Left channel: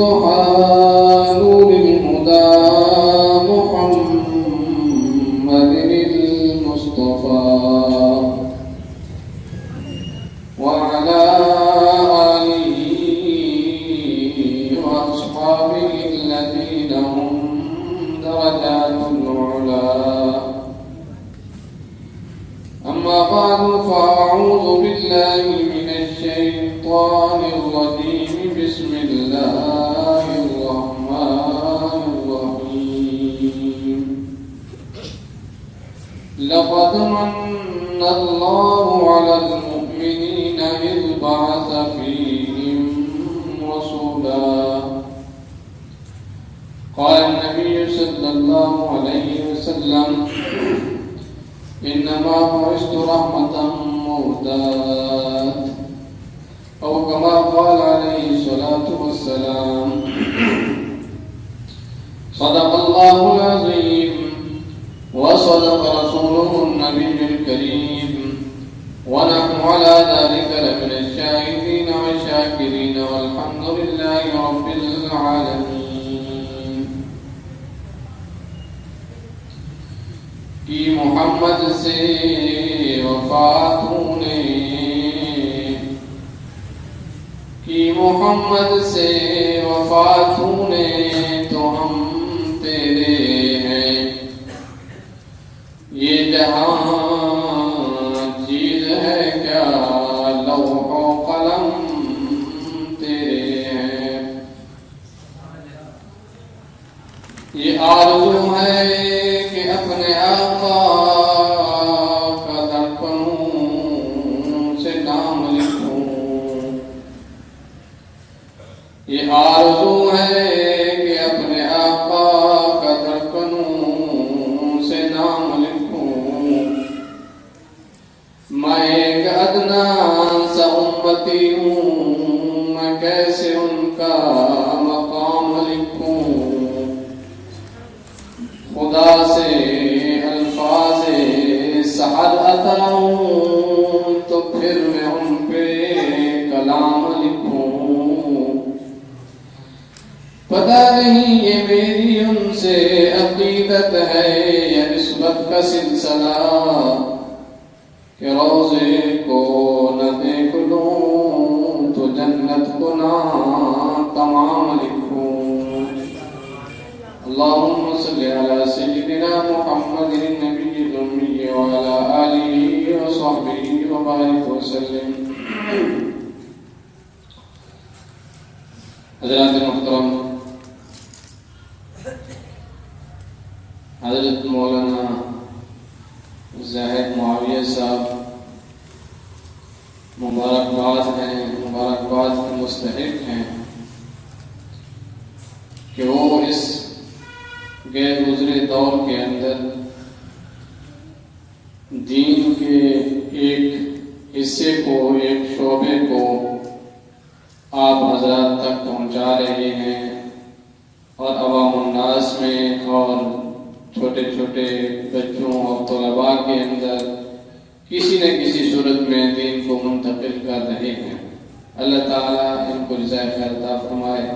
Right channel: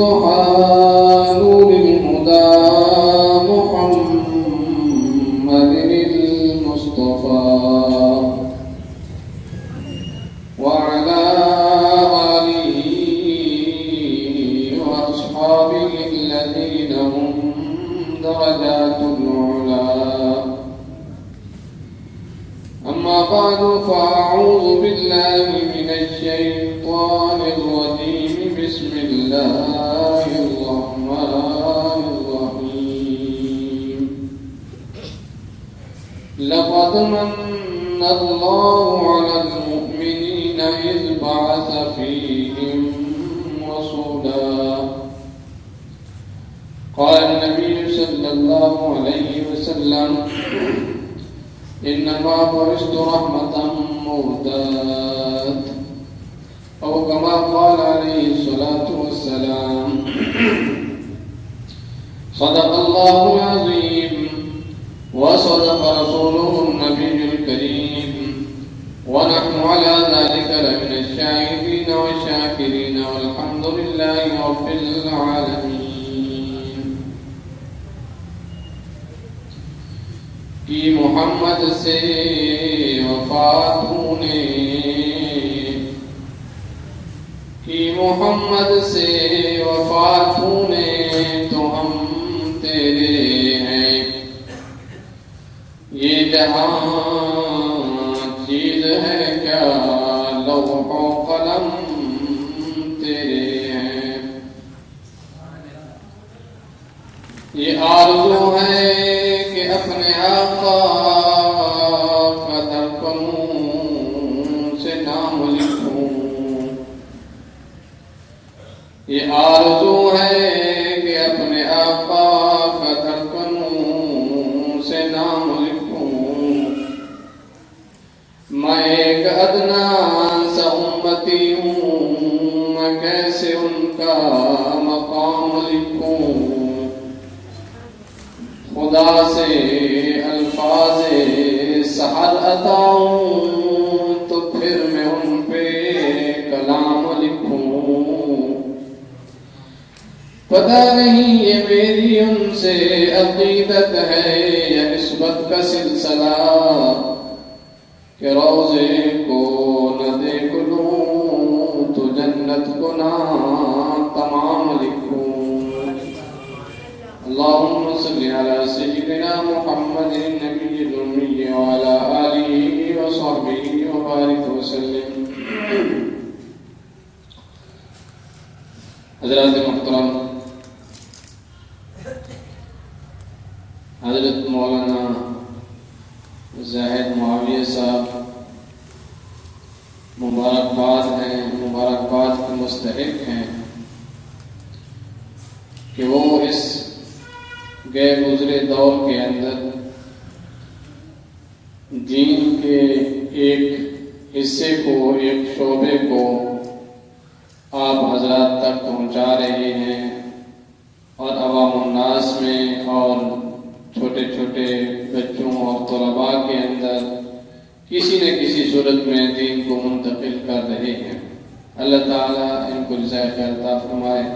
سبحان الهدى محمد المصطفى وعلى آله وأصحابه الذين هم درجات العلا. أما بعد فأعوذ بالله من الشيطان الرجيم. بسم الله الرحمن الرحيم. لقد من الله على المؤمنين إذ بعث فيهم رسولا. قال النبي صلى الله عليه وسلم إنما بعثت رحمة مهداة أو كما قال عليه الصلاة والسلام. صدق الله العظيم وصدق رسوله النبي الكريم ونحن على ذلك لمن الشاهدين والشاكرين والحمد لله رب العالمين. کہ محمد سے وفات ہونے کہ محمد سے وفات ہونے تو ہم تیرے ہیں. یہ جہاں چیز ہے کیا لوح و قلم تیرے ہیں. یہ آرزو ہے کہ اپنے آقا کا دفنوں سے نام لکھوں. یہ آرزو ہے کہ اپنے آقا کا دفنوں سے نام لکھوں. میں ایک ادنا سا امتی ہوں، میں کیسے ان کا مقام لکھوں. خدا سے الفاظ سعد عطا ہوں تو پھر میں ان پہ کلام لکھوں. پتہ نہیں یہ میری ان سے عقیدت ہے یا نسبت کا سلسلہ کہ روزے کو نہ دیکھ لوں تو جنت کو نہ تمام لکھوں. اللهم صل على سيدنا محمد النبي الأمي وعلى آله وصحبه وبارك وسلم. حضرات محترم، حضرت مولانا زاہد معاویہ صاحب مبارکباد ہیں، مبارکباد کے مستحق ہیں کہ وہ اس غیر گزرے دور کے اندر دین کے ایک حصے کو، ایک شعبے کو آپ حضرات تک پہنچا رہے ہیں اور عوام الناس میں اور چھوٹے چھوٹے بچوں اور طلباء کے اندر کسی نہ کسی صورت میں دین کو منتقل کر رہے ہیں. اللہ تعالیٰ ان کو جزائے خیر عطا فرمائے.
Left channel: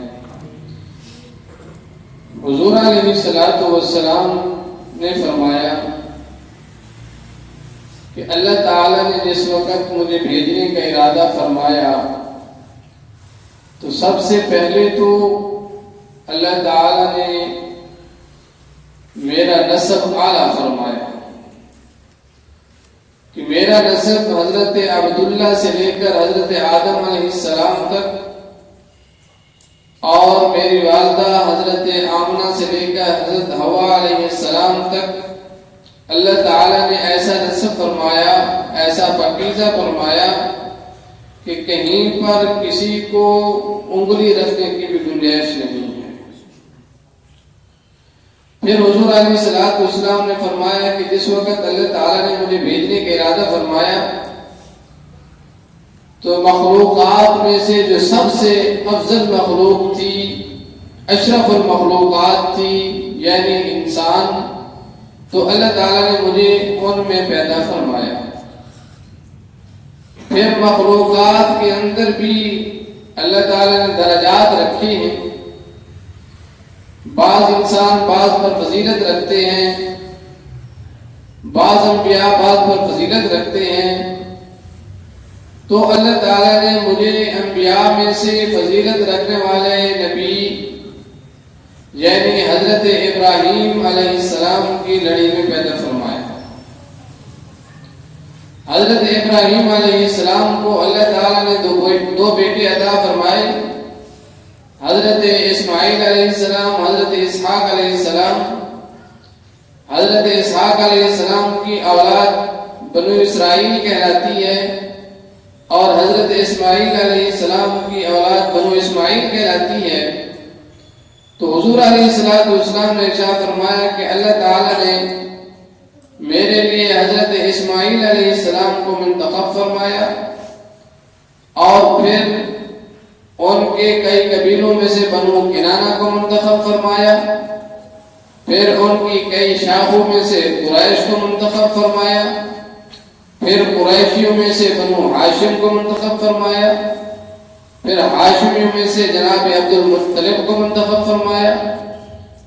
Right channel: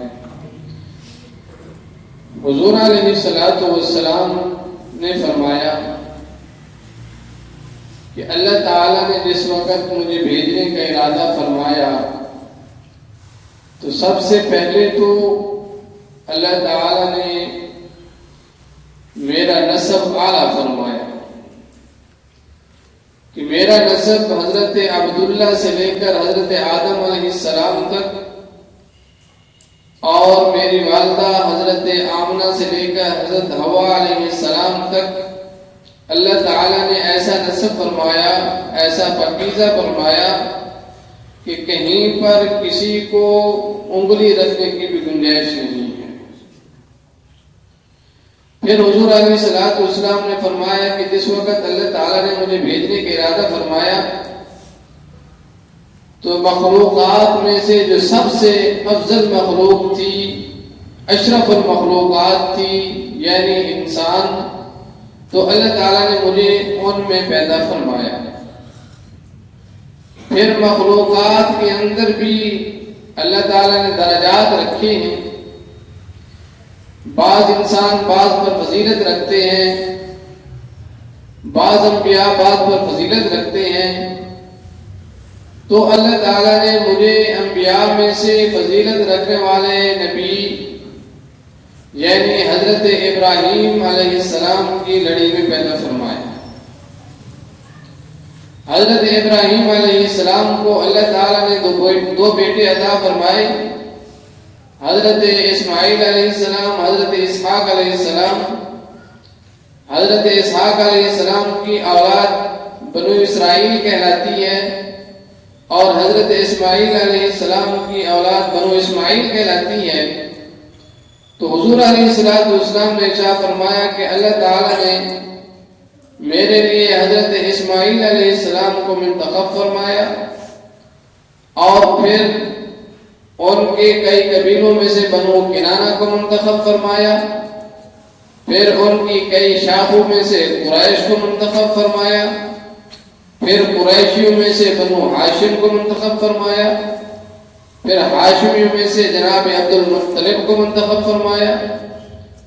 حضور علیہ الصلوۃ والسلام نے فرمایا کہ اللہ تعالیٰ نے جس وقت مجھے بھیجنے کا ارادہ فرمایا تو سب سے پہلے تو اللہ تعالیٰ نے میرا نسب اعلیٰ فرمایا کہ میرا نسب حضرت عبداللہ سے لے کر حضرت آدم علیہ السلام تک اور میری والدہ حضرت آمنہ سے لے کر حضرت حوا علیہ السلام تک اللہ تعالیٰ نے ایسا نسب فرمایا، ایسا پاکیزہ فرمایا کہ کہیں پر کسی کو انگلی رکھنے کی بھی گنجائش نہیں ہے. پھر حضور علیہ السلام نے فرمایا کہ جس وقت اللہ تعالیٰ نے مجھے بھیجنے کا ارادہ فرمایا تو مخلوقات میں سے جو سب سے افضل مخلوق تھی، اشرف المخلوقات تھی، یعنی انسان، تو اللہ تعالیٰ نے مجھے ان میں پیدا فرمایا. پھر مخلوقات کے اندر بھی اللہ تعالیٰ نے درجات رکھے ہیں بعض انسان بعض پر فضیلت رکھتے ہیں، بعض انبیاء بعض پر فضیلت رکھتے ہیں، تو اللہ تعالیٰ نے مجھے انبیاء میں سے فضیلت رکھنے والے نبی یعنی حضرت ابراہیم علیہ السلام کی لڑی میں پیدا فرمایا۔ حضرت ابراہیم علیہ السلام کو اللہ تعالیٰ نے دو بیٹے عطا فرمائے، حضرت اسماعیل علیہ السلام، حضرت اسحاق علیہ السلام۔ حضرت اسحاق علیہ السلام کی اولاد بنو اسرائیل کہلاتی ہے، اور حضرت اسماعیل علیہ السلام کی اولاد بنو اسماعیل کہلاتی ہے۔ تو حضور علیہ السلام نے ارشاد فرمایا کہ اللہ تعالیٰ نے میرے لیے حضرت اسماعیل علیہ السلام کو منتخب فرمایا، اور پھر ان کے کئی قبیلوں میں سے بنو کنانہ کو منتخب فرمایا، پھر ان کی کئی شاخوں میں سے قریش کو منتخب فرمایا، پھر قریشیوں میں سے بنو ہاشم کو منتخب فرمایا، پھر ہاشمیوں میں سے جناب عبد المطلب کو منتخب فرمایا،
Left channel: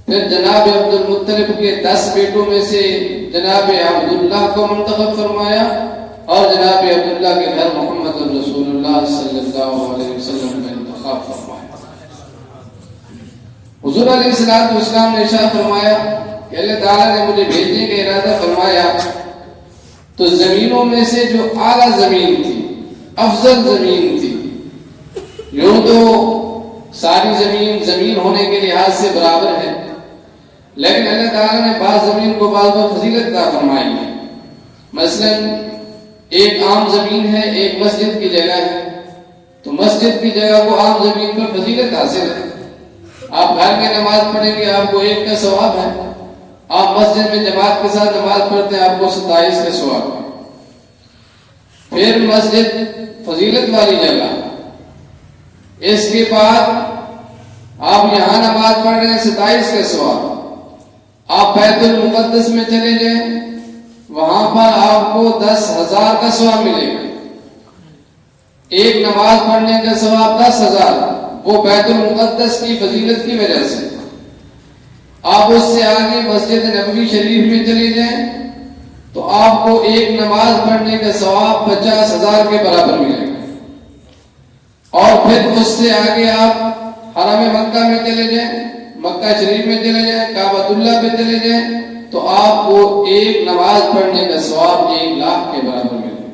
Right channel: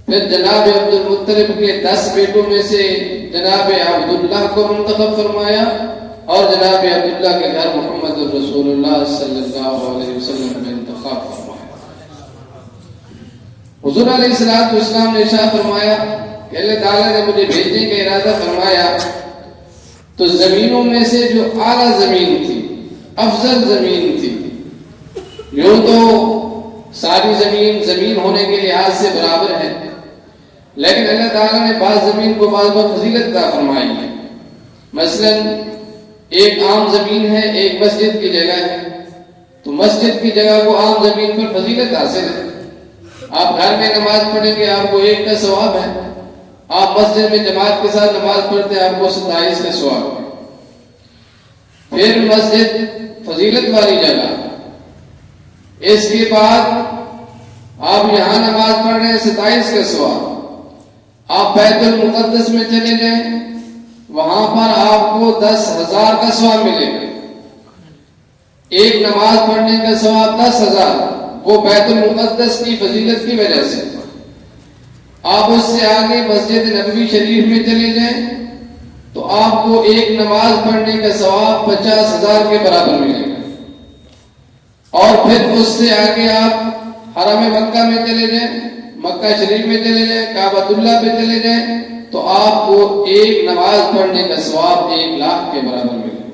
پھر جناب عبد المطلب کے 10 بیٹوں میں سے جناب عبداللہ کو منتخب فرمایا، اور جناب عبداللہ کے گھر محمد رسول اللہ صلی اللہ علیہ وسلم میں انتخاب فرمایا۔ حضور علیہ السلام نے ارشاد فرمایا کہ اللہ تعالیٰ نے مجھے بھیجنے کا ارادہ فرمایا تو زمینوں میں سے جو اعلیٰ زمین تھی، افضل زمین تھی، یوں تو ساری زمین ہونے کے لحاظ سے برابر ہے، لیکن اللہ تعالیٰ نے بعض زمین کو بعض فضیلت عطا فرمائی ہے۔ مثلا ایک عام زمین ہے، ایک مسجد کی جگہ ہے، تو مسجد کی جگہ کو عام زمین پر فضیلت حاصل ہے۔ آپ گھر میں نماز پڑھیں گے آپ کو 1 کا ثواب ہے، آپ مسجد میں جماعت کے ساتھ نماز پڑھتے ہیں آپ کو 27 کا ثواب ہے۔ پھر مسجد فضیلت والی جگہ، اس کے بعد آپ یہاں نماز پڑھ رہے ہیں 27 کا ثواب۔ آپ بیت المقدس میں چلے جائیں، وہاں پر آپ کو 10,000 کا ثواب ملے گا۔ ایک نماز پڑھنے کا ثواب 10,000، وہ بیت المقدس کی فضیلت کی وجہ سے۔ آپ اس سے آگے مسجد نبوی شریف میں چلے جائیں تو آپ کو ایک نماز پڑھنے کا ثواب 50,000 کے برابر ملے گا، اور پھر اس سے آگے آپ حرم مکہ میں چلے جائیں، مکہ شریف میں چلے جائیں، کعبۃ اللہ پہ چلے جائیں تو آپ کو ایک نماز پڑھنے کا ثواب 1,00,000 کے برابر ملے گا۔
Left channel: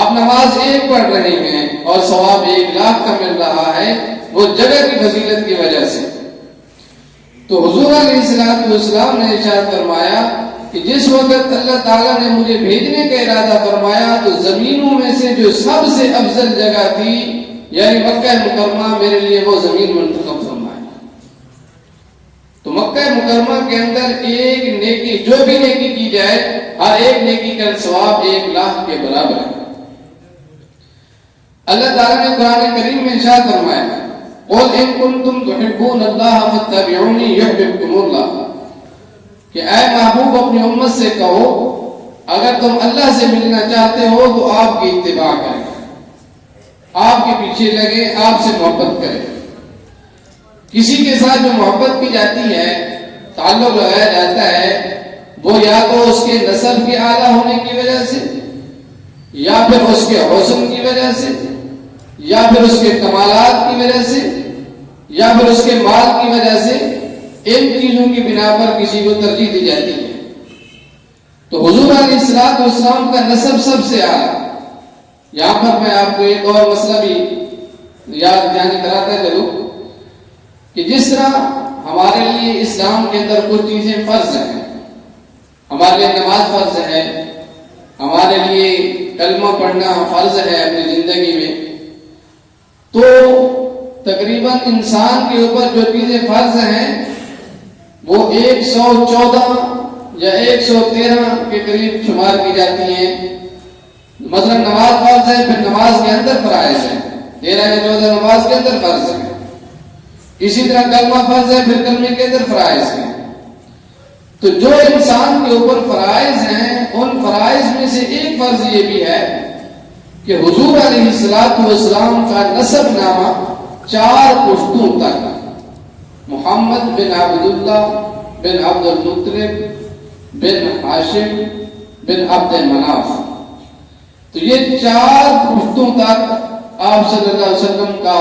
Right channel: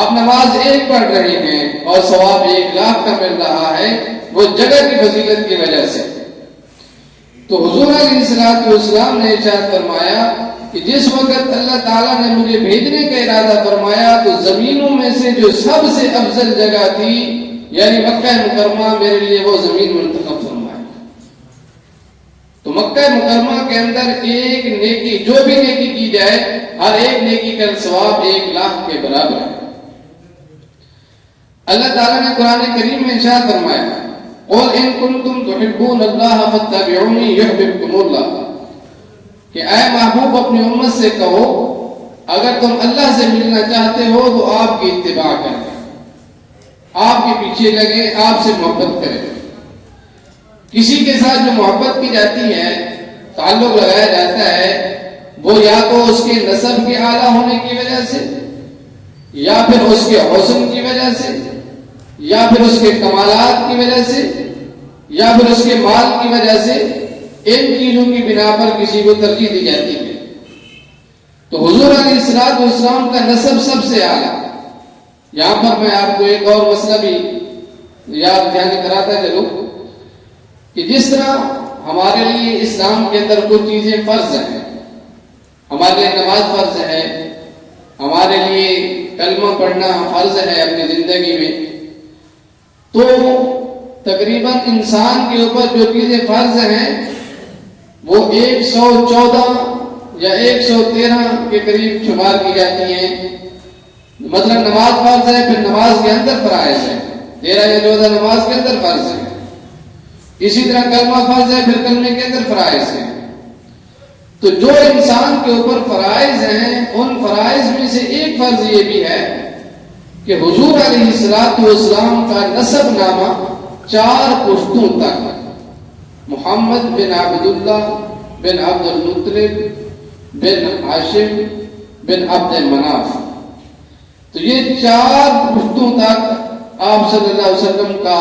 آپ نماز ایک پڑھ رہے ہیں اور ثواب 1,00,000 کا مل رہا ہے، وہ جگہ کی فضیلت کی وجہ سے۔ تو حضور علیہ السلام نے ارشاد فرمایا کہ جس وقت اللہ تعالیٰ نے مجھے بھیجنے کا ارادہ فرمایا تو زمینوں میں سے جو سب سے افضل جگہ تھی یعنی مکہ مکرمہ، میرے لیے وہ زمین منتخب فرمایا۔ تو مکہ مکرمہ کے اندر ایک نیکی، جو بھی نیکی کی جائے، ہر ایک نیکی کا ثواب 1,00,000 کے برابر ہے۔ اللہ تعالیٰ نے قرآن کریم میں ارشاد فرمایا قُلْ إِن كُنتُمْ تُحِبُّونَ اللَّهَ فَاتَّبِعُونِي يُحْبِبْكُمُ اللَّهُ، کہ اے محبوب اپنی امت سے کہو اگر تم اللہ سے ملنا چاہتے ہو تو آپ کی اتباع کریں، آپ کے پیچھے لگیں، آپ سے محبت کریں۔ کسی کے ساتھ جو محبت کی جاتی ہے، تعلق لگایا جاتا ہے، وہ یا تو اس کے نسب کے اعلیٰ ہونے کی وجہ سے، یا پھر اس کے حسن کی وجہ سے، یا پھر اس کے کمالات کی وجہ سے، یا پھر اس کے مال کی وجہ سے، ان چیزوں کی بنا پر کسی کو ترجیح دی جاتی ہے۔ تو حضور علیہ السلام کا نسب سب سے اعلیٰ۔ یہاں پر میں آپ کو ایک اور مسئلہ بھی یاد دہانی کراتا چلوں کہ جس طرح ہمارے لیے اسلام کے اندر کچھ چیزیں فرض ہیں، ہمارے لیے نماز فرض ہے، ہمارے لیے کلمہ پڑھنا فرض ہے اپنی زندگی میں، تو تقریباً انسان کے اوپر جو چیزیں فرض ہیں وہ 114 یا 113 کے قریب شمار کی جاتی ہیں۔ مطلب نماز فرض ہے، پھر نماز کے اندر فرائض ہے، 13 یا 14 نماز کے اندر فرض ہے، اسی طرح کلمہ فرض ہے، پھر کلمے کے اندر فرائض ہے۔ تو جو انسان کے اوپر فرائض ہیں، ان فرائض میں سے ایک فرض یہ بھی ہے کہ حضور علیہ السلام کا نسب نامہ 4 پشتوں تک محمد بن عبداللہ بن عبد المطلب بن ہاشم بن عبد مناف. تو یہ 4 پشتوں تک آپ صلی اللہ علیہ وسلم کا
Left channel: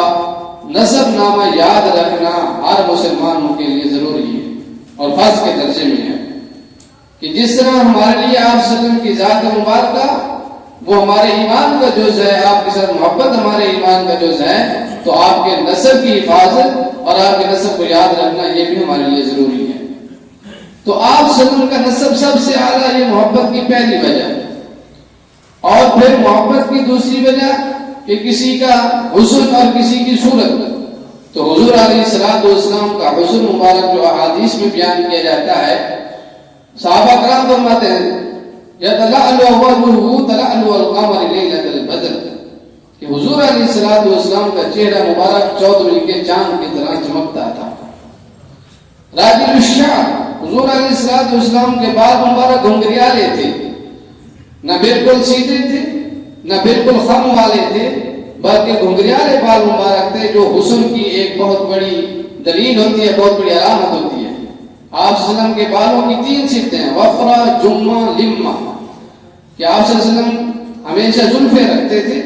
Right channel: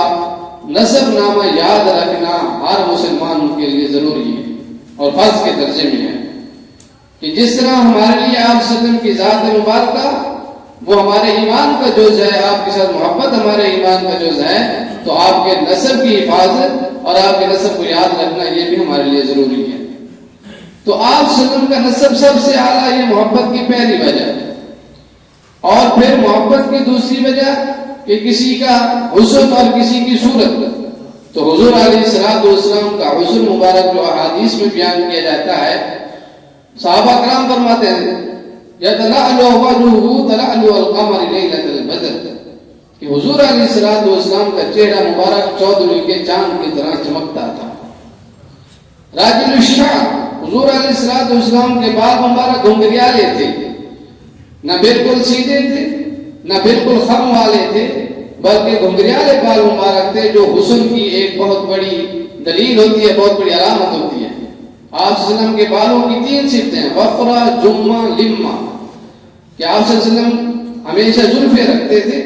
نسب نامہ یاد رکھنا ہر مسلمانوں کے لیے ضروری ہے اور فرض کے درجے میں ہے کہ جس طرح ہمارے لیے آپ صلی اللہ علیہ وسلم کی ذات مبارکہ وہ ہمارے ایمان کا جز ہے، آپ کے ساتھ محبت ہمارے ایمان کا جز ہے، تو آپ کے نسب کی حفاظت اور آپ کے نسب کو یاد رکھنا یہ بھی ہمارے لیے ضروری ہے. تو آپ صلی اللہ علیہ وسلم کا نسب سب سے اعلیٰ، یہ محبت کی پہلی وجہ. اور پھر محبت کی دوسری وجہ کہ کسی کا حسن اور کسی کی صورت. تو حضور علیہ الصلوۃ والسلام کا حسن مبارک جو احادیث میں بیان کیا جاتا ہے، صحابہ کرام فرماتے ہیں یتلألؤ وجهه تلألؤ القمر ليلة البدر کہ حضور علیہ الصلوۃ والسلام کا چہرہ مبارک چودھری کے چاند کی طرح چمکتا تھا. راجل الشعر، حضور علیہ الصلوۃ والسلام کے بال مبارک گھنگریالے تھے، نہ بالکل سیدھے تھے نہ بالکل خم والے تھے، بلکہ گھنگریالے بال مبارک تھے جو حسن کی ایک بہت بڑی دلیل ہوتی ہے، بہت بڑی علامت ہوتی ہے. آپ صلی اللہ علیہ وسلم کے بالوں کی 3 صفتیں ہیں، وفرہ، جمہ، لمہ، کہ آپ صلی اللہ علیہ وسلم ہمیشہ زلفیں رکھتے تھے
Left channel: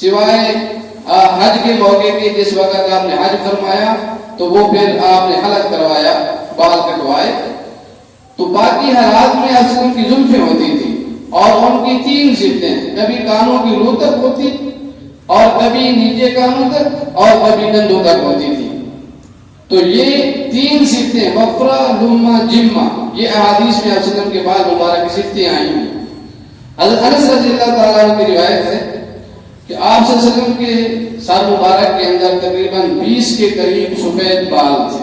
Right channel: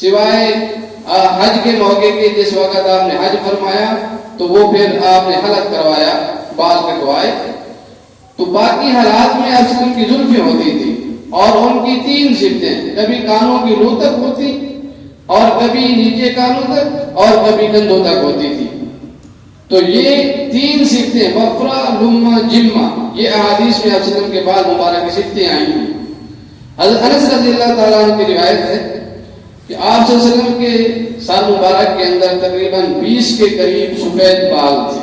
سوائے حج کے موقع کے، جس وقت آپ نے حج فرمایا تو وہ پھر آپ نے حلق کروایا، بال کٹوائے، تو باقی حالات میں آپ صلی اللہ علیہ وسلم کی زلفیں ہوتی تھی. اور ان کی 3 صفتیں، کبھی کانوں کی روح تک ہوتی اور کبھی نیچے کانوں تک اور کبھی کندھوں تک ہوتی تھی. تو یہ 3 صفتیں وفرہ، لمہ، جمہ، یہ احادیث میں آپ صلی اللہ علیہ وسلم کے بعد مبارک کی صفتیں آئی ہیں. حضرت انس رضی اللہ تعالیٰ عنہ کی روایت ہے کہ آپ صلی اللہ علیہ وسلم کے سر مبارک کے اندر تقریباً 20 کے قریب سفید بال تھے.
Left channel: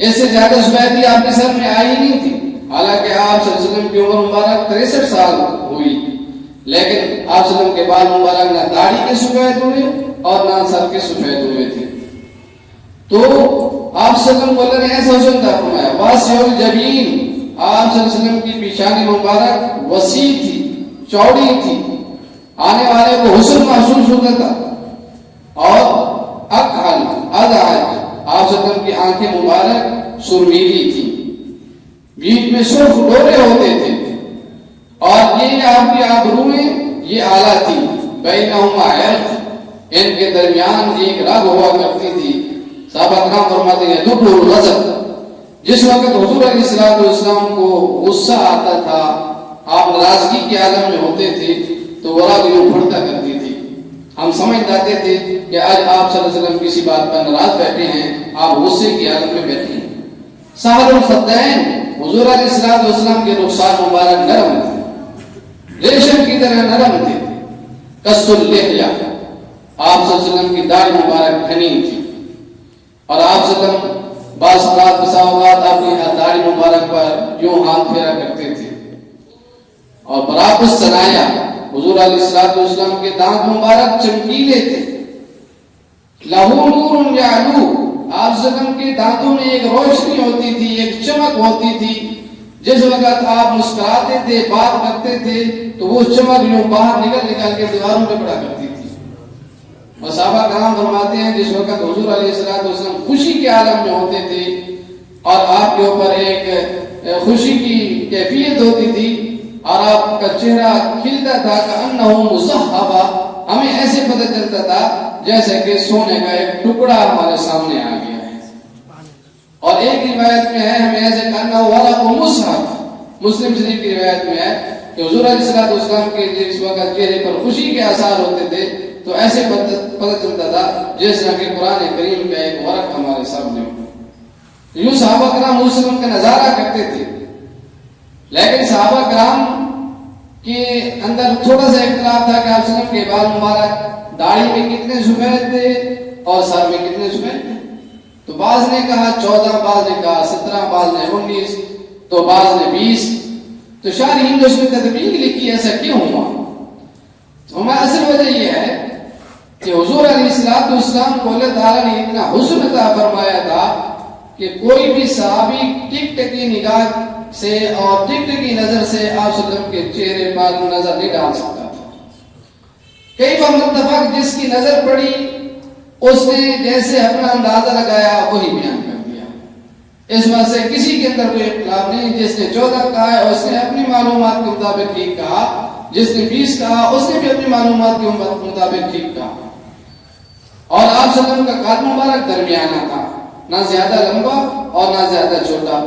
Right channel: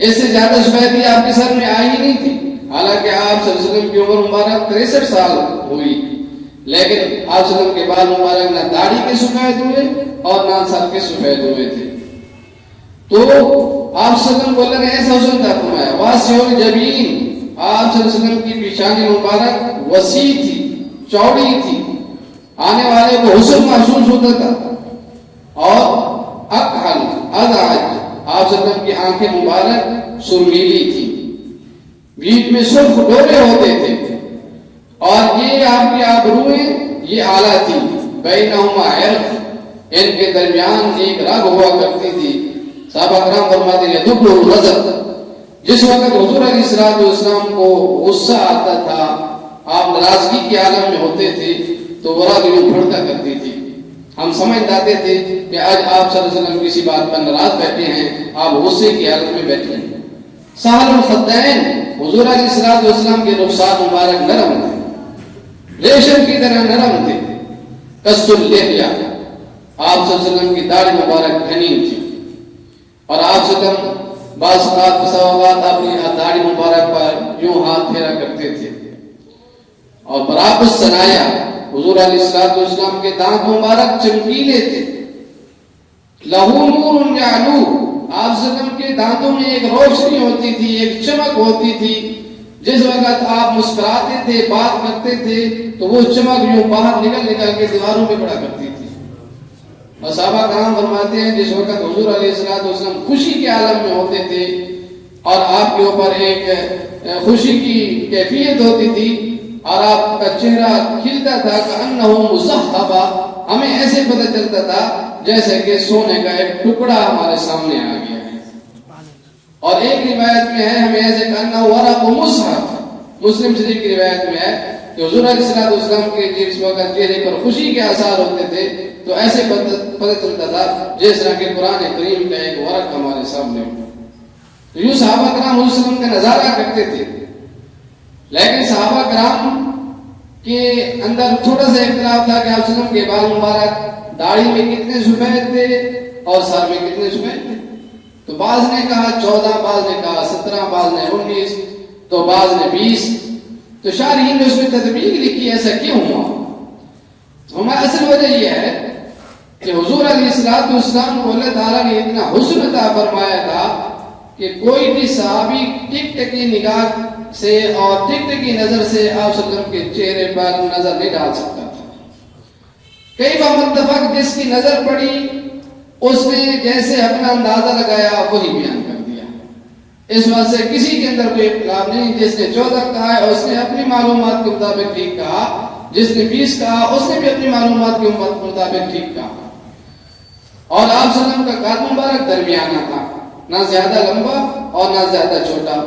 اس سے زیادہ سفیدی آپ کے سر میں آئی نہیں تھی، حالانکہ آپ صلی اللہ علیہ وسلم کی عمر مبارک 63 سال ہوئی، لیکن آپ صلی اللہ علیہ وسلم کے بال مبارک نہ داڑھی کے سفید ہوئے اور نہ سر کے سفید ہوئے تھے. تو آپ صلی اللہ علیہ وسلم کو اللہ نے ایسا حسن عطا فرمایا. واسع الجبین، آپ صلی اللہ علیہ وسلم کی پیشانی مبارک وسیع تھی، چوڑی تھی، آنے والے کو حسن محسوس ہوتا تھا. اور اکحل ادعج، آپ صلی اللہ علیہ وسلم کی آنکھیں مبارک سرمیلی تھی، بیچ میں سرخ ڈورے ہوتے تھے، اور یہ آپ کی آبروئیں یہ اعلیٰ تھی. بینہما عرق، ان کے درمیان ایک رگ ہوا کرتی تھی. صحابہ کرام فرماتے ہیں دبر الغضب، جس وقت حضور علیہ الصلوۃ والسلام کو غصہ آتا تھا، آپ ناراضگی کے عالم میں ہوتے تھے تو وہ رگ یوں پھڑتا کرتی تھی. ہم سمجھ جاتے تھے کہ آج آپ صلی اللہ علیہ وسلم کسی بات پر ناراض بیٹھے ہیں، آپ غصے کی حالت میں بیٹھے ہیں. سہل الخدین، حضور علیہ الصلوۃ والسلام کے رخسار مبارک نرم تھے، ریشم کی طرح نرم تھے. قص اللحیہ، آپ صلی اللہ علیہ وسلم کی داڑھی مبارک گھنی تھی، اور آپ صلی اللہ علیہ وسلم بعض اوقات اپنی داڑھی مبارک پر یوں ہاتھ پھیرا کرتے تھے. اور براب الصنایا، حضور علیہ الصلوۃ والسلام کے دانت مبارک چمکیلے تھے. لہو نور یعلو، آپ صلی اللہ علیہ وسلم کے دانتوں میں ایک روشنی ہوتی تھی، ایک چمک ہوتی تھی. جس وقت آپ مسکراتے تھے، بات کرتے تھے تو وہ چمک یوں باہر نکل کے دیواروں پہ پڑا کرتی تھی. اور صحابہ کرام فرماتے ہیں جس وقت حضور علیہ الصلوۃ والسلام خوشی کے عالم میں ہوتے تھے اور آپ کے اوپر ایک خوشی کی کیفیت ہوتی تھی اور آپ کا چہرہ کھلتا تھا کأنہ مصحبہ، ہمیں ایسے پتہ چلتا تھا جیسے کہ سونے کا ایک ٹکڑا ہمارے سامنے آ گیا ہے. اور ایک روایت میں ہے ہمیں ایسے کأنہ ورق مصحف، مسلم شریف کی روایت میں ہے کہ حضور علیہ الصلوۃ والسلام کے جس وقت چہرے پر خوشی کے آثار ہوتے تھے تو ایسے پتہ چلتا تھا جیسا کہ قرآن کریم کا ایک ورق ہمارے سامنے ہو. یوں صحابہ کرام علیہ وسلم کا نظارہ کرتے تھے. لیکن صحابہ کرام کے اندر تھوڑا سا اختلاف تھا کہ آپ وسلم کے بال مبارک داڑھی میں کتنے سفید تھے اور سر میں کتنے سفید تھے. تو بعض نے کہا 14، بعض نے کہا 17، بعض نے 19، تو بعض نے 20. تو شارحین نے اس میں تدبیر لکھی ایسا کیوں ہوا. تو ہماری اصل وجہ یہ ہے کہ حضور علیہ الصلوۃ والسلام کو اللہ تعالیٰ نے اتنا حسن عطا فرمایا تھا کہ کوئی بھی صحابی ٹک ٹکی نگاہ سے اور ٹک ٹکی نظر سے آپ صلی اللہ علیہ وسلم کے چہرے پر نظر نہیں ڈال سکتا تھا. کئی بار متفق جس کی نظر پڑی اس نے جیسے اپنا اندازہ لگایا وہی بیان کر دیا. اس وجہ سے کسی کے اندر کوئی اختلاف نہیں. جس نے 14 کہا ہے اس نے اپنی معلومات کے مطابق ٹھیک کہا, جس نے 20 کہا اس نے بھی اپنی معلومات کے مطابق ٹھیک کہا. اور آپ صلی اللہ علیہ وسلم کا قد مبارک درمیانہ تھا, نہ زیادہ لمبا اور نہ زیادہ چھوٹا.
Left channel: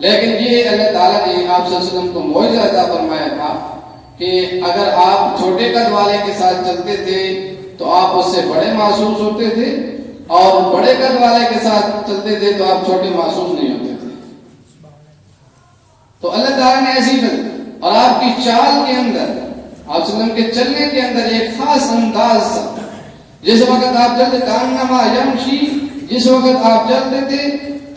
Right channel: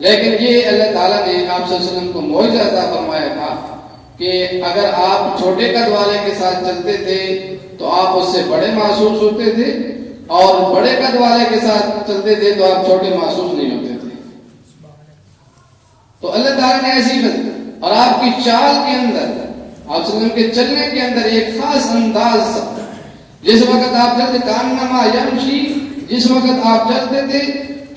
لیکن یہ اللہ تعالیٰ نے آپ صلی اللہ علیہ وسلم کو معجزہ عطا فرمایا تھا کہ اگر آپ چھوٹے قد والے کے ساتھ چلتے تھے تو آپ اس سے بڑے محسوس ہوتے تھے, اور بڑے قد والے کے ساتھ چلتے تھے تو آپ چھوٹے محسوس نہیں ہوتے تھے. تو اللہ تعالیٰ نے ایسی بات, اور آپ کی چال کے اندر, آپ صلی اللہ علیہ وسلم کے چلنے کے اندر ایک خاص انداز تھا. جس وقت آپ چلتے کانما یمشی, جس وقت آپ چلتے تھے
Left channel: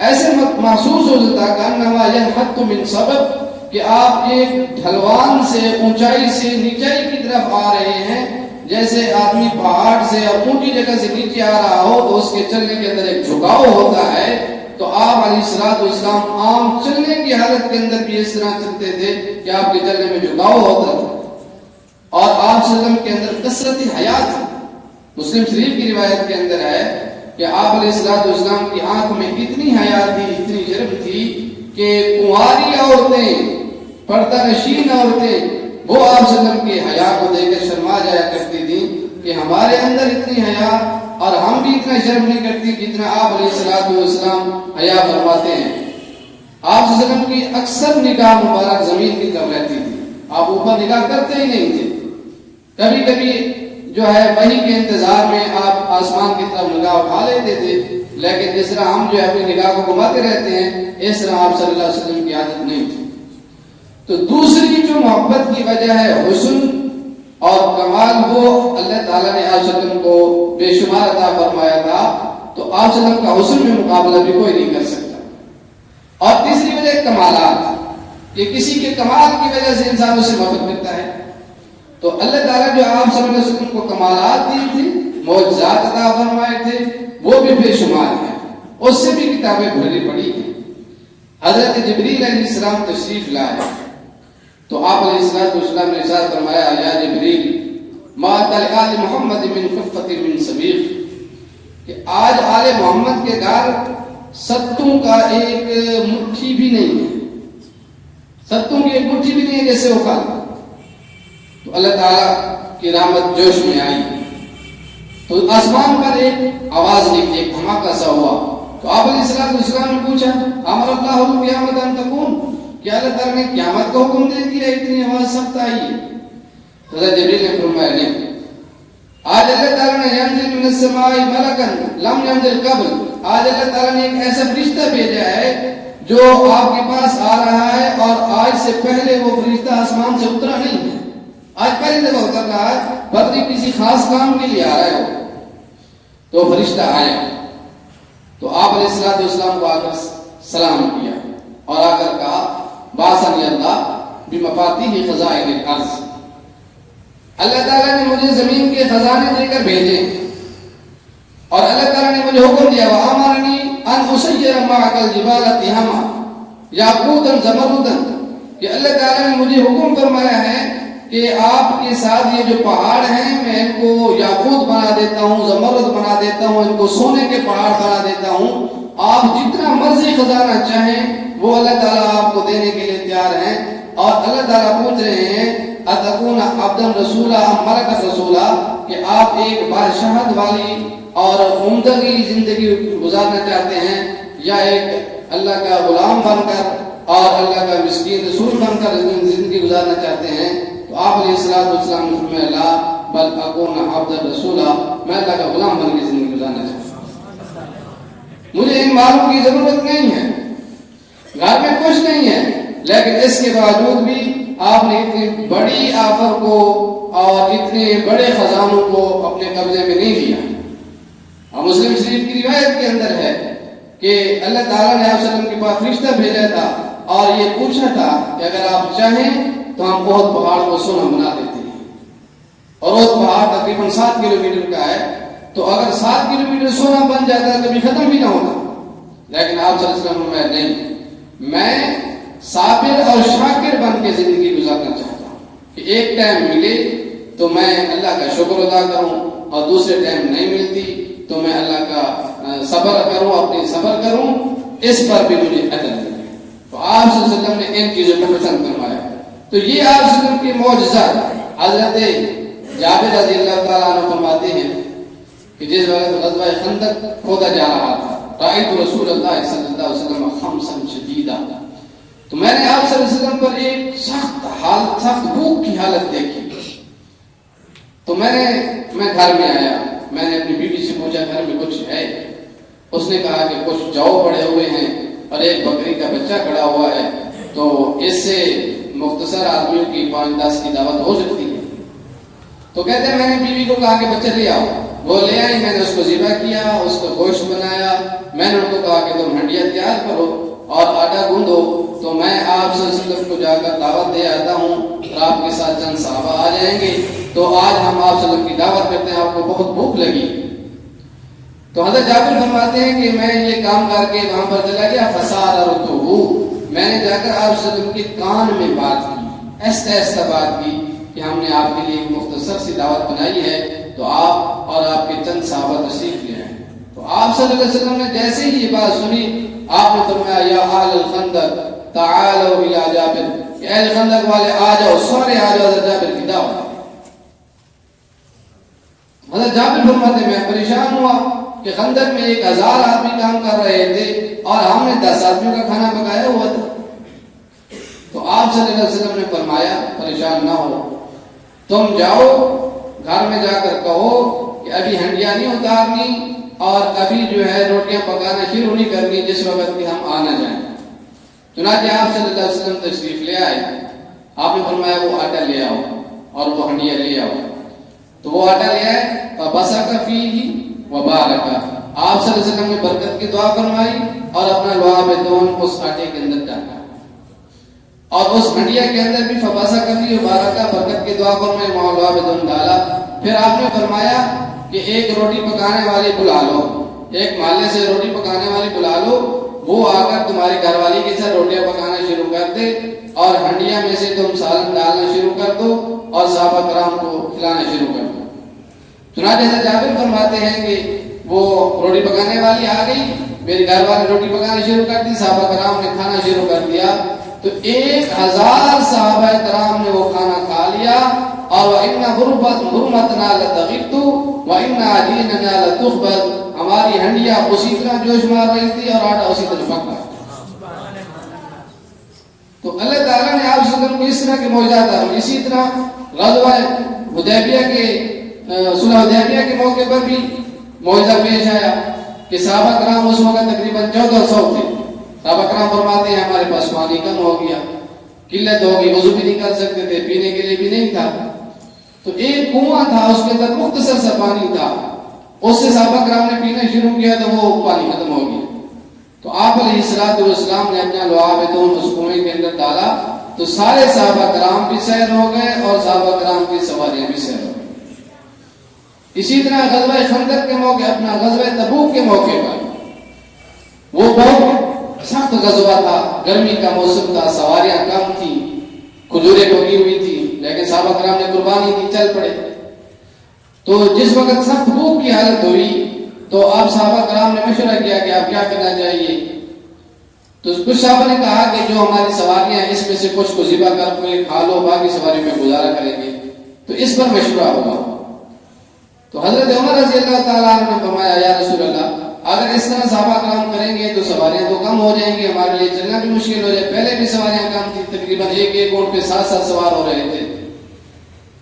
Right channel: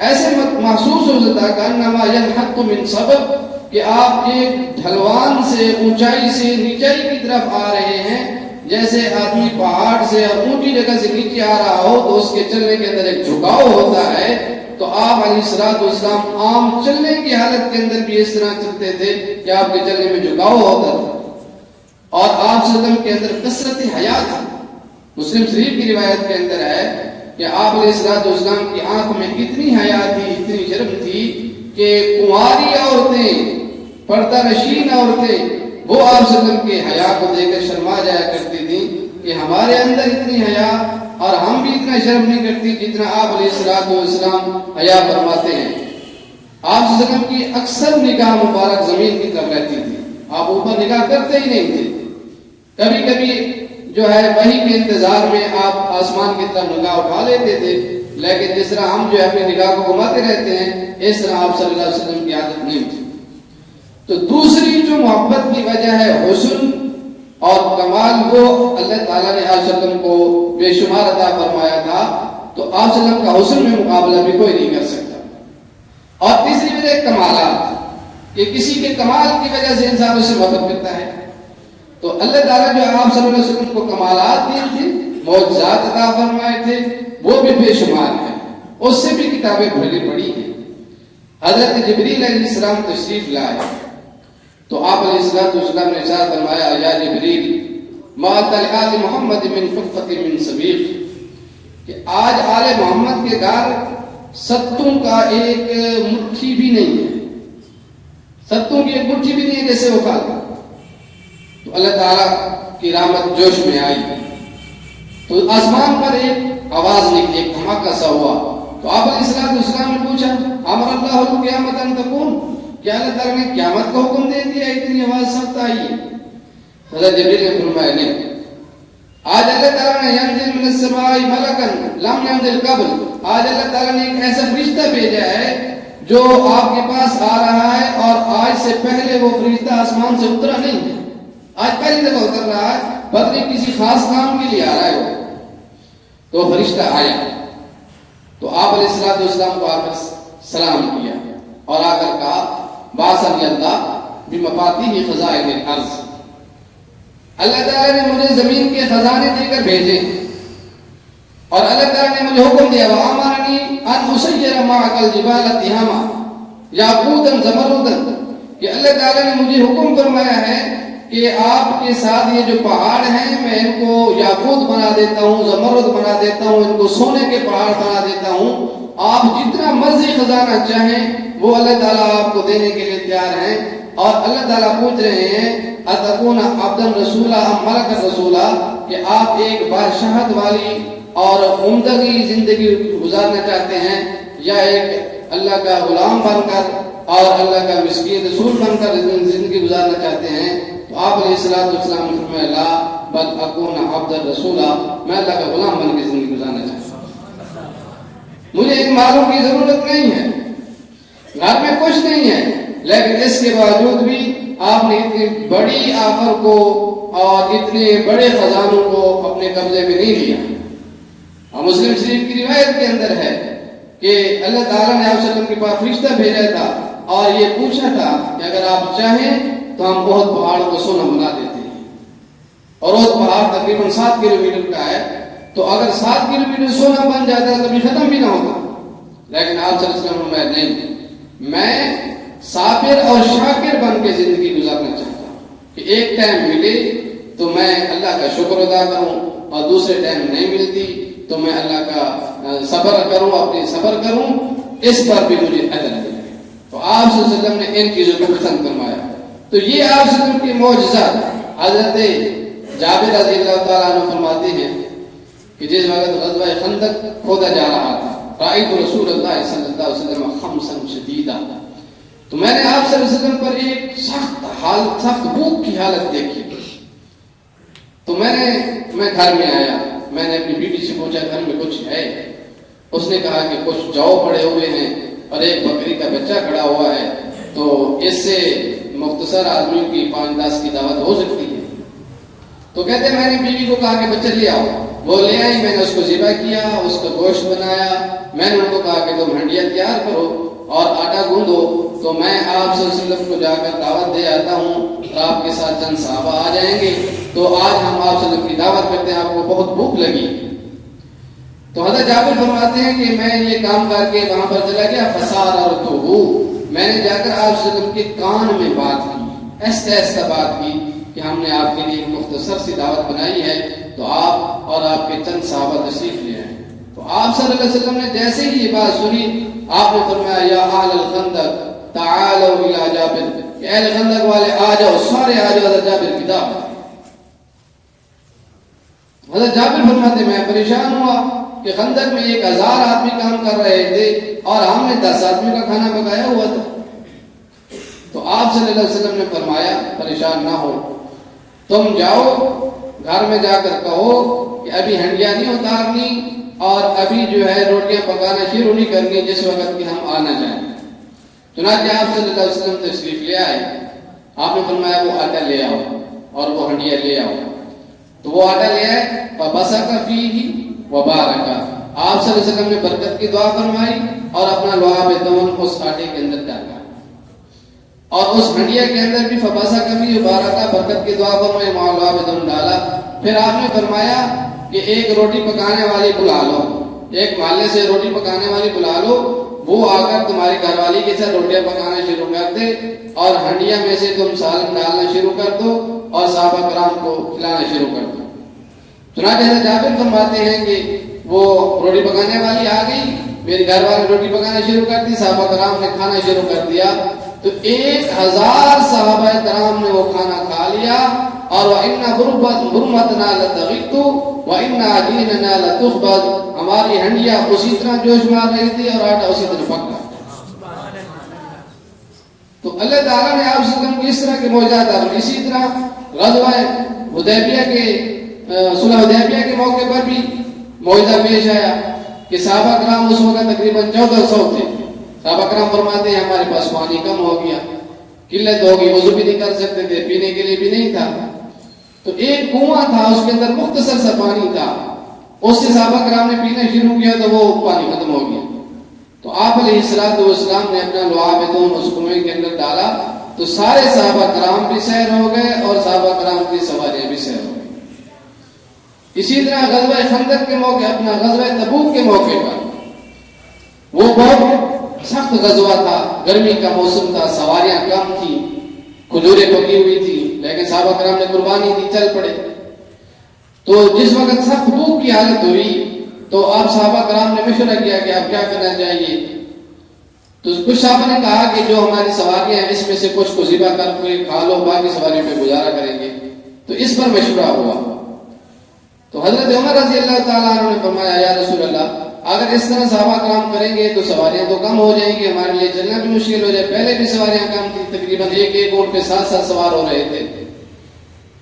ایسے محسوس ہوتا تھا کانما ینحط من سبب, کہ آپ ایک ڈھلوان سے, اونچائی سے نیچائی کی طرف آ رہے ہیں. جیسے آدمی پہاڑ سے یا اونچی جگہ سے نیچے آ رہا ہو تو اس کے چلنے کے اندر ایک جھکاؤ ہوتا ہے, تو آپ علیہ الصلوۃ والسلام عام چلنے کی حالت کے اندر بھی اس طرح چلتے تھے کہ آپ کے چلنے میں جھکاؤ ہوتا تھا. اور آپ صلی اللہ علیہ وسلم کے اندر کثرت حیا تھی. مسلم شریف کی روایت کے اندر ہے کہ آپ علیہ الصلوۃ والسلام کی آنکھ میں اتنی حیا تھی, اتنی شرم تھی کہ کماری عورتیں, پردہ نشین عورتیں, وہ آپ صلی اللہ علیہ وسلم کی حیا کو دیکھ کر شرما جایا کرتی تھی کہ ہمارے اندر اتنی حیا اور ہم بھی اتنا شرم نہیں کرتی جتنا آپ علیہ الصلوۃ والسلام حیا فرماتے ہیں. آپ صلی اللہ علیہ وسلم کی اکثر نگاہ مبارک زمین کی طرف رہتی تھی, آپ اوپر نگاہ کرتے ہی نہیں تھے. کبھی کبھی جو ہے وحی کے انتظار میں آپ آسمان کی طرف نگاہ اٹھا لیتے تھے, لیکن جس طرح ہم جو ہے اپنی نگاہ کو گھماتے رہتے ہیں اس طرح آپ صلی اللہ علیہ وسلم کی عادت نہیں تھی. تو دوسری جو محبت کی وجہ ہے حسن اور کمال, وہ اللہ تعالیٰ نے آپ صلی اللہ علیہ وسلم کو بے شمار عطا فرمایا تھا. تو آپ صلی اللہ علیہ وسلم کا حسن میں مقابلہ بھی کوئی نہیں کر سکتا. اور تیسری وجہ کمالات, کہ کسی کے کمال کی وجہ سے انسان اس سے محبت کرتا ہے. تو اللہ تعالیٰ جو آپ صلی اللہ علیہ وسلم کو کمالات دی تھی, معجزات عطا فرمائے تھے, وہ بھی بے شمار ہیں. اس سے بھی کتابیں بھری پڑی ہیں. حضرت جبریل علیہ السلام تشریف لائے تو آپ علیہ السلام نے ارشاد فرمایا, یا جبریل ما آل محمد من خفت من سبیق, کہ آج آل محمد کے گھر ستوں کا ایک مٹھی بھی نہیں ہے, ستوں کی ایک مٹھی بھی نہیں ہے جیسے وہ کھاتا. تو اللہ تعالیٰ کی رحمت جوش میں آئی تو آسمان پر ایک آواز نکلی, ایک دھماکہ سا ہوا. تو آپ علیہ السلام نے پوچھا, امر اللہ القیامت ان تکون, کیا اللہ تعالیٰ نے قیامت کو حکم دے دیا, اتنی آواز سخت آئی ہے؟ حضرت جبریل نے فرمایا نہیں, آج اللہ تعالیٰ نے ینزل من السماء ملکا لم ینزل قبل, آج اللہ تعالیٰ نے ایک ایسا فرشتہ بھیجا ہے جو آپ کے پاس آ رہا ہے اور آج سے پہلے وہ فرشتہ آسمان سے اترا نہیں ہے. آج پہلی دفعہ اتر رہا ہے, بلکہ کسی خاص کام کے لیے آ رہا ہے. تو فرشتہ آیا تو آپ علیہ السلام کو آ کر سلام کیا اور آ کر کہا, باسن اللہ بمفاتیح خزائن الارض, اللہ تعالیٰ نے مجھے زمین کے خزانے دے کر بھیجے اور اللہ تعالیٰ نے مجھے حکم دیا, وَأَمَرَنِي أَنْ أُسَيِّرَ مَعَكَ الْجِبَالَ تِحَامًا یاقوتًا زمردًا, کہ اللہ تعالیٰ نے مجھے حکم فرمایا ہے کہ آپ کے ساتھ یہ جو پہاڑ ہیں میں ان کو یاقوت بنا دیتا ہوں, زمرد بنا دیتا ہوں, ان کو سونے کے پہاڑ بنا دیتا ہوں. آپ جتنا مرضی خزانہ چاہیں وہ اللہ تعالیٰ آپ کو دینے کے لیے تیار ہیں. اور اللہ تعالیٰ پوچھ رہے ہیں اتکون عبدا رسولا ام ملکا رسولا, کہ آپ ایک بادشاہت والی اور عمدگی زندگی گزارنا چاہتے ہیں یا ایک اللہ کا غلام بن کر اور اللہ کا مسکین رسول بن کر زندگی گزارنا چاہتے ہیں. تو آپ علیہ السلام نے فرمایا, لا بل اکون عبدا رسولا, میں اللہ کا غلام بن کے زندگی گزارنا چاہتا ہوں. مجھے ان مالوں کی ضرورت نہیں ہے, گھر میں کچھ نہیں ہے, لیکن اس کے باوجود بھی آپ نے اتنی بڑی آفر کو اور اتنے بڑے خزانوں کو اپنے قبضے میں نہیں لیا. اور مسلم شریف کی روایت کے اندر ہے کہ اللہ تعالیٰ نے آپ صلی اللہ علیہ وسلم کے پاس فرشتہ بھیجا تھا اور یہ پوچھا تھا کہ اگر آپ چاہیں تو ہم بہت پہاڑ کو سونا بنا دیتے ہیں. اور وہ پہاڑ تقریباً 7 کلومیٹر کا ہے, تو اگر 7 کلومیٹر سونا بن جاتا ہے کبھی ختم بھی نہ ہوتا. لیکن آپ صلی اللہ علیہ وسلم نے نہیں, میں صابر اور شاکر بن کے زندگی گزارنا چاہتا ہوں کہ ایک ٹائم ملے تو میں اللہ کا شکر ادا کروں اور دوسرے ٹائم نہیں ملتی تو میں اللہ کا صبر کروں، اپنی صبر کروں، اس پر بھی مجھے اجر ملے۔ تو آپ صلی اللہ علیہ وسلم نے ان چیزوں کو پسند فرمایا۔ تو یہ آپ صلی اللہ علیہ وسلم کی معجزہ حضرت جابر رضی اللہ تعالیٰ عنہ فرماتے ہیں کہ جس وقت غزوہ خندق کھودا جا رہا تھا، رأیت رسول اللہ صلی اللہ علیہ وسلم خمسا شدیدا، تو میں نے آپ صلی اللہ علیہ وسلم پر ایک سخت بھوک کی حالت دیکھی۔ تو میں گھر میں آیا، میں نے اپنی بیٹی سے پوچھا گھر میں کچھ ہے؟ اس نے کہا کہ کچھ جو پڑے ہوئے ہیں اور ایک بکری کا بچہ کھڑا ہوا ہے، تو اس سے مختصر آدمیوں کی 5-10 کی دعوت ہو سکتی ہے۔ تو کہتے ہیں میں نے بیوی کو کہا کہ بچہ لے آؤ، وہ لے آئی، میں نے اس کو ذبح کیا، اس کا گوشت بنایا، میں نے ان کو کہا کہ تم ہنڈیا تیار کرو اور آٹا گوندو، تو میں آپ صلی اللہ علیہ وسلم کو جا کر دعوت دے آتا ہوں اور آپ کے ساتھ چند صحابہ آ جائیں گے، تو آج ہم آپ صلی اللہ علیہ وسلم کی دعوت کرتے ہیں، آپ کو بہت بھوک لگی۔ تو حضرت جابر فرماتے ہیں کہ میں یہ کام کر کے وہاں پر چلا گیا، فساررتہ، میں نے جا کر آپ صلی اللہ علیہ وسلم کے کان میں بات کی، ایسا ایسا بات کی کہ ہم نے آپ کے لیے ایک مختصر سی دعوت بنائی ہے، تو آپ اور آپ کے چند صحابہ تشریف لے آئے۔ تو آپ صلی اللہ علیہ وسلم نے جیسے ہی یہ بات سنی، آپ نے فرمایا یا اہل الخندق تعالوا الی جابر، کہ اہل خندق والے آ جاؤ، سارے آ جاؤ حضرت جابر کی دعوت۔ حضرت جابر فرماتے میں پریشان ہوا کہ خندق میں 1000 آدمی کام کر رہے تھے اور ہم نے 10 آدمیوں کا کھانا پکایا ہوا تھا۔ تو آپ صلی اللہ علیہ وسلم نے فرمایا پریشان نہ ہو، تم جاؤ گھر میں جا کر کہو کہ ابھی ہنڈیاں نہیں اتارنی اور ابھی جو ہے روٹیاں پکانا شروع نہیں کرنی جس وقت کہ ہم آنا جائیں۔ چنانچہ آپ صلی اللہ علیہ وسلم تشریف لے آئے، آپ نے فرمایا وہ آٹا لے آؤ اور وہ ہنڈیاں لے آؤ۔ تو وہ آٹا لے آئے، فَبَصَقَ فِيهِ وَبَارَكَ، آپ صلی اللہ علیہ وسلم نے برکت کی دعا فرمائی اور اپنا لعاب دون اس آٹے کے اندر ڈالا، اور اس ہنڈیا کے اندر بھی فَبَصَقَ فِيهِ وَبَارَكَ، برکت کی دعا فرمائی، وہاں لعاب دون ڈالا۔ پھر آپ نے فرمایا کہ ایک روٹی پکانے والے بلا لو، ایک محلے سے روٹی پکانے والے بلا لو، وہ آ کر تمہاری گھر والی کے ساتھ روٹیاں پکانا شروع کر دے اور ہنڈیا میں سے تم سالن ڈالنا شروع کر دو اور صحابہ کرام کو کھلانا شروع کر دو۔ چنانچہ حضرت جابر فرماتے ہیں کہ وہ روٹی پکانے والی آ گئی، میرے گھر والے روٹی پکانا شروع کر دی، صحابہ کرام نے کھانا شروع کر دیا، تو 1000 صحابہ کرام نے وہ کھانا کھا لیا، اور وَإِنَّ غُرْمَتْنَا لَتَغِدُّ وَإِنَّ عَجِينَنَا لَتُخْبَزُ، ہماری ہنڈیاں اسی طرح جوش مار رہی تھی اور آٹا اسی طرح پک رہا۔ تو اللہ تعالیٰ نے آپ سے اس طرح کے معجزات اور اسی طرح غزوہ حدیبیہ کے صلح حدیبیہ کے موقع پر بھی معجزہ پیش آیا کہ صحابہ کرام اس وقت تقریباً 1400 تھے۔ صحابہ کرام فرماتے ہیں ہمارے پاس پانی کم ہو گیا، قلت ہوگی، وضو بھی نہیں کر سکتے تھے، پینے کے لیے بھی نہیں تھا، تو ایک کنواں تھا، اس کے اندر مختصر سا پانی تھا، اس سے صحابہ کرام نے پینا شروع کیا تو وہ پانی ختم ہو گیا۔ تو آپ علیہ الصلوۃ والسلام نے اپنا لعاب دون اس کنویں کے اندر ڈالا، تو سارے صحابہ کرام بھی سیر ہو گئے اور صحابہ کرام کی سواریاں بھی سیر ہو گئی۔ اسی طرح غزوہ خندق کے موقع، اپنا غزوہ تبوک کے موقع پر، وہ بہت سخت غزوہ تھا، گرمی کا موسم تھا، سواریاں کم تھی، کھجوریں پکی ہوئی تھی، لیکن صحابہ کرام نے قربانی دی، چل پڑے۔ تو جس وقت سخت بھوک کی حالت ہوئی تو آپ صحابہ کرام نے مشورہ کیا کہ آپ کیا کرنا چاہیے، تو کچھ صحابہ نے کہا کہ جو ہماری سواریاں ہیں اس میں سے کچھ کو ذبح کر کوئی کھا لو، باقی سواری پہ گزارا کریں گے، تو اس پر مشورہ ہوا۔ تو حضرت عمر رضی اللہ تعالیٰ عنہ نے فرمایا یا رسول اللہ، اگر اس طرح صحابہ کرام کریں گے تو سواریاں تو کم ہو جائیں گی، ہمارے لیے چلنا بھی مشکل ہو جائے، پہلے بھی سواریاں کم تھی، تقریباً ایک اونٹ پہ 7 سوار ہو رہے تھے،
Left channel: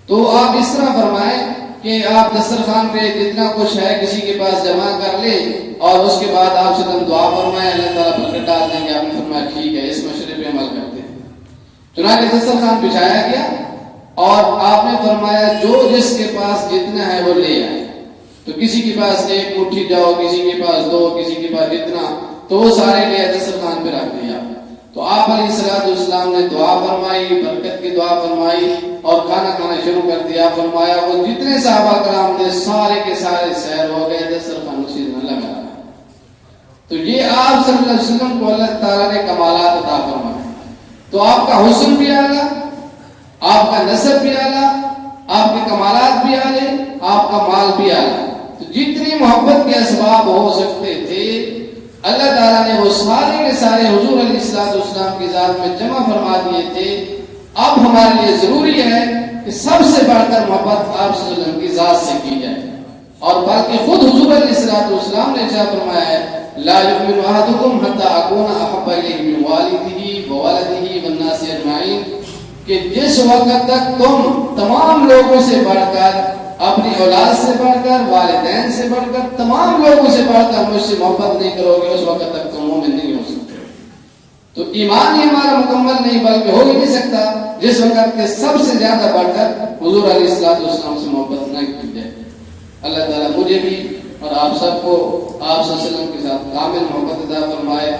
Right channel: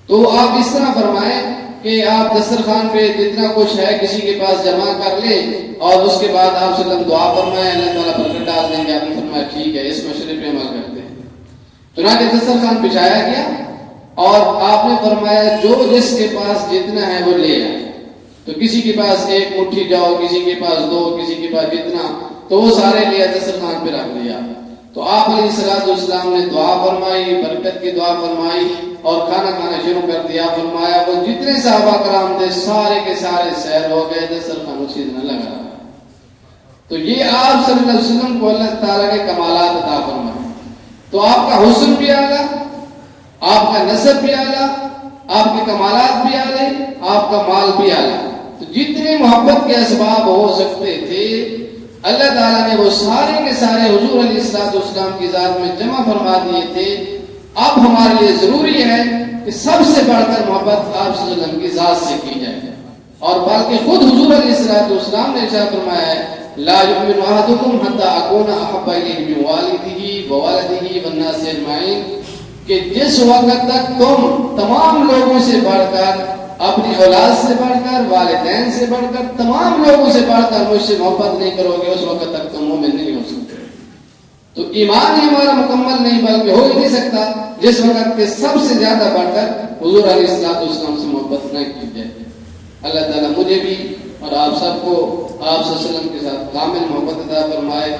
تو آپ اس طرح فرمائیں کہ آپ دسترخوان پہ جتنا کچھ ہے کسی کے پاس جمع کر لیں اور اس کے بعد آپ سے دعا فرمائیں، اللہ تعالیٰ برکت ڈال دیں گے۔ آپ نے فرمایا ٹھیک ہے، اس مشورے پہ عمل کرتے ہیں۔ چنانچہ دسترخوان بچھایا گیا اور آپ نے فرمایا جو جس کے پاس جتنا ہے وہ لے آئے، تو کسی کے پاس 1 مٹھی جاؤ، کسی کے پاس 2، کسی کے پاس اتنا، تو وہ سارے لے دسترخوان پہ رکھ دیا۔ تو آپ علیہ الصلوۃ والسلام نے دعا فرمائی، برکت کی دعا فرمائی اور کھانا کھانا شروع کر دیا۔ فرمایا وہ جتنے صحابہ کرام تھے سارے کے سارے سیر ہو گئے، دسترخوان اسی میں لگا رہا۔ تو یہ آپ صلی اللہ علیہ وسلم کو اللہ تعالیٰ نے کمالات عطا فرمائے۔ تو آپ کا حسن بھی اعلیٰ، آپ کا نسب بھی اعلیٰ، آپ کے کمالات بھی اعلیٰ، آپ کا مال بھی اعلیٰ۔ تو جتنے محبت کے اسباب ہو سکتے تھے اللہ تعالیٰ نے وہ سارے کے سارے حضور علیہ السلام کی ذات میں جمع فرما دیے تھے. اب ہمارے لیے ضروری ہے کہ سب سے بڑھ کر محبت آپ صلی اللہ علیہ وسلم کی ذات سے کی جائے. اور بلکہ خود حضور علیہ السلام نے ارشاد فرمایا ہے لا یؤمن احدکم حتی اکون احب الیہ من والدہ وولدہ والناس اجمعین، کہ جس وقت تک تم تمام لوگوں سے بڑھ کر، اپنی اولاد سے بڑھ کر، والدین سے بڑھ کر، تمام لوگوں سے بڑھ کر مجھ سے محبت نہیں کرو گے، اس وقت تک تم مومن نہیں ہو سکتے. تو ایمان ہی ہمارا مکمل نہیں بلکہ ہو ہی نہیں سکتا جس وقت کے سب سے زیادہ بڑھ کر حضور علیہ السلام سے محبت نہ کی جائے. اللہ تعالیٰ مجھے بھی اور آپ سب کو آپ صلی اللہ علیہ وسلم کے ساتھ کامل محبت عطا فرمائے.